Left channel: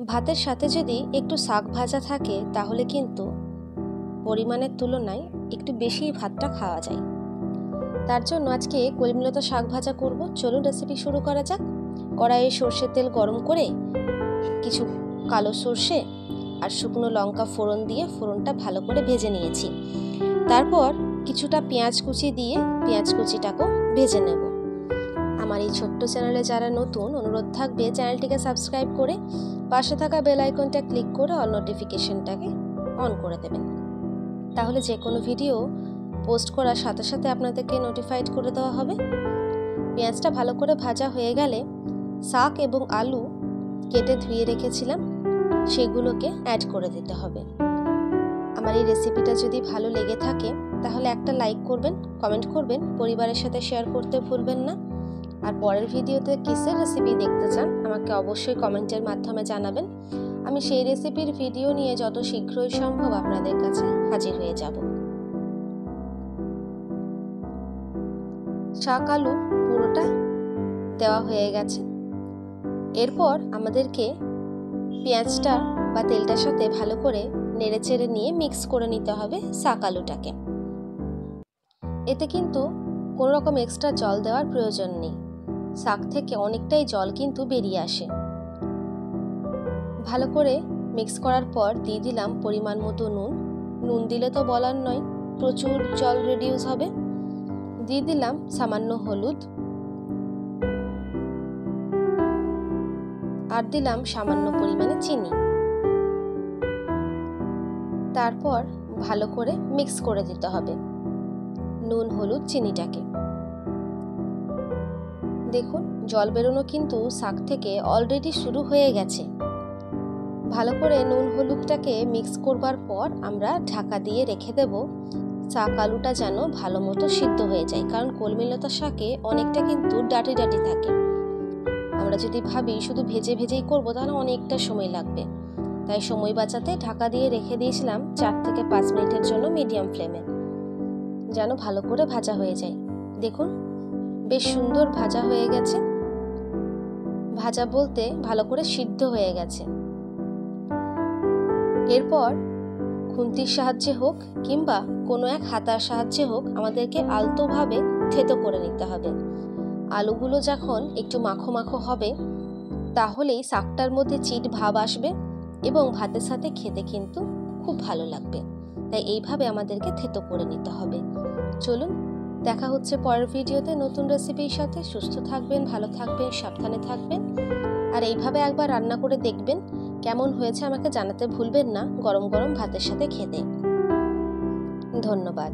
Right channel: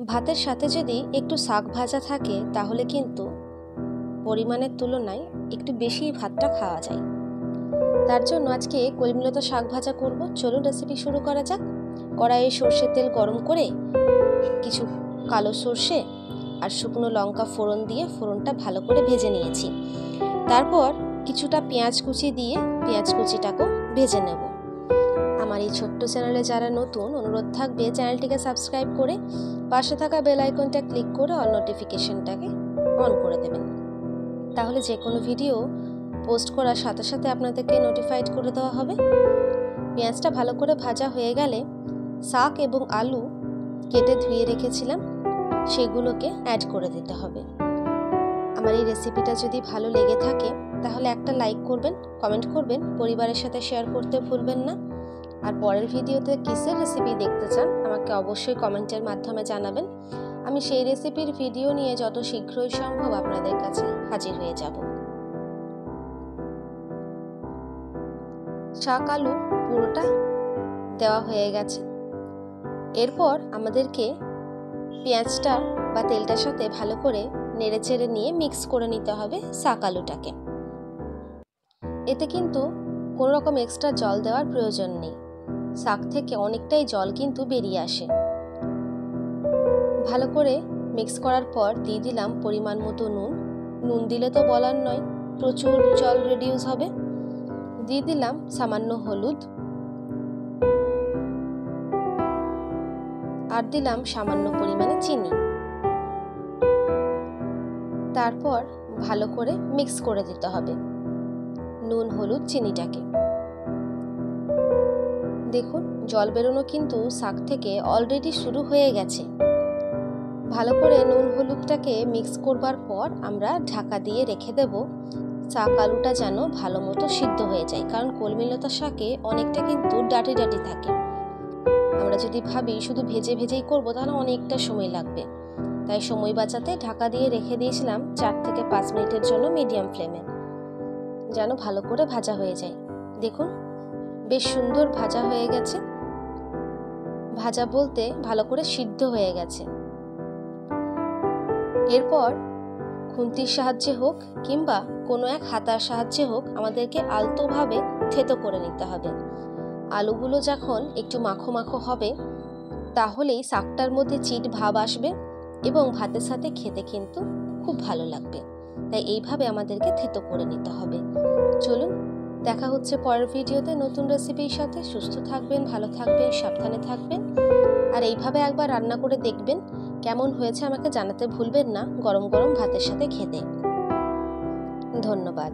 ভাতের সাথে যদি একটু শাক ভাজা থাকে তাহলে কিন্তু পরিমাণের তুলনায় একটু বেশি ভাতটা খাওয়া যায়। তার জন্য আজকে কলমিলতা শাক ভাজা করব। চলুন রেসিপি শুরু করা যাক। কড়াইয়ে সর্ষের তেল গরম করে কিছু কালো সর্ষে আর শুকনো লঙ্কা ফোড়ন দিয়ে ফোড়নটা ভালো করে ভেজে নিয়েছি। তারপর কিছুটা পেঁয়াজ কুচি দিয়ে পেঁয়াজ কুচিটাকেও ভেজে নেব। আমার এই ছোট্ট চ্যানেলে যারা নতুন, অনুরোধ থাকবে চ্যানেলটিকে সাবস্ক্রাইব করে পাশে থাকা বেল আইকনটা ক্লিক করে অল নোটিফিকেশনটাকে অন করে দেবেন। তাহলে যে কোনো ভিডিও পোস্ট করার সাথে সাথে আপনাদেরকে নোটিফাইড করে দেওয়া হবে। পেঁয়াজটা ভালো করে ভাজা হয়ে গেলে শাক এবং আলু কেটে ধুয়ে রেখেছিলাম সেগুলোকে অ্যাড করে দিতে হবে। আমার এই রেসিপিটা যদি ভালো লেগে থাকে তাহলে একটা লাইক করবেন, কমেন্ট করবেন, পরিবারের সাথে শেয়ার করতে ভুলবেন না। আর পরের ভিডিওতে কিসের রেসিপি দেখতে চান আমাকে অবশ্যই কমেন্টের মাধ্যমে জানাবেন। আমি সেই রেসিপির ভিডিও নিয়ে যত শীঘ্রই সম্ভব আপনাদের কাছে হাজির হয়ে যাব। শাক আলু পুরোটা দেওয়া হয়ে গেছে। এরপর আমাদেরকে পেঁয়াজটা বা তেলটার সাথে ভালো করে নেড়েচেড়ে নিয়ে মিক্স করে নিতে হবে শাক আলুটাকে। এতে কিন্তু কোনো রকম এক্সট্রা জল দেওয়ার প্রয়োজন নেই। শাক থেকে অনেকটাই জল কিন্তু বেরিয়ে আসে। ভালো করে মিক্স করার পর দিয়ে দিলাম পরিমাণ মতো নুন। নুন দিলে তো বলার নয়, প্রচুর জল রিডিউস হবে। দিয়ে দিলাম সামান্য হলুদ আর দিলাম সামান্য পরিমাণে চিনি। তারপর ভালো করে মিক্স করে দিতে হবে নুন, হলুদ, চিনিটাকে। দেখুন জল বেরোনো কিন্তু শাক থেকে অলরেডি শুরু হয়ে গেছে। ভালো করে নুন হলুদটাকে মিক্স করবার পর আমরা ঢাকা দিয়ে রেখে দেব শাক আলুটা যেন ভালো মতো সিদ্ধ হয়ে যায়। কারণ কলমিলতা শাকে অনেকটা কিন্তু ডাঁটি ডাঁটি থাকে। আমরা যদি ভাবি শুধু ভেজে ভেজেই করব তাহলে অনেকটা সময় লাগবে। তাই সময় বাঁচাতে ঢাকা দিয়ে রেখে দিয়েছিলাম 4 থেকে 5 মিনিটের জন্য মিডিয়াম ফ্লেমে, যেন ভালো করে ভাজা হয়ে যায়। দেখুন বেশ সুন্দর ভাজা হয়ে গেছে। ভাজা বলতে ভালো করে সিদ্ধ হয়ে গেছে। এরপর খুন্তির সাহায্যে হোক কিংবা কোনো এক হাতার সাহায্যে হোক আমাদেরকে আলতোভাবে থেতো করে নিতে হবে। আলুগুলো যখন একটু মাখো মাখো হবে তাহলেই শাকটার মধ্যে চিট ভাব আসবে এবং ভাতের সাথে খেতে কিন্তু খুব ভালো লাগবে। তাই এইভাবে আমাদেরকে থেতো করে নিতে হবে। চলুন দেখা হচ্ছে পরের ভিডিওতে নতুন রেসিপির সাথে। সুস্থ থাকবেন, ভালো থাকবেন, সাবধানে থাকবেন। আর এইভাবে একবার রান্না করে দেখবেন কেমন হয়েছে আমাকে জানাতে ভুলবেন না গরম গরম ভাতের সাথে খেতে। ধন্যবাদ।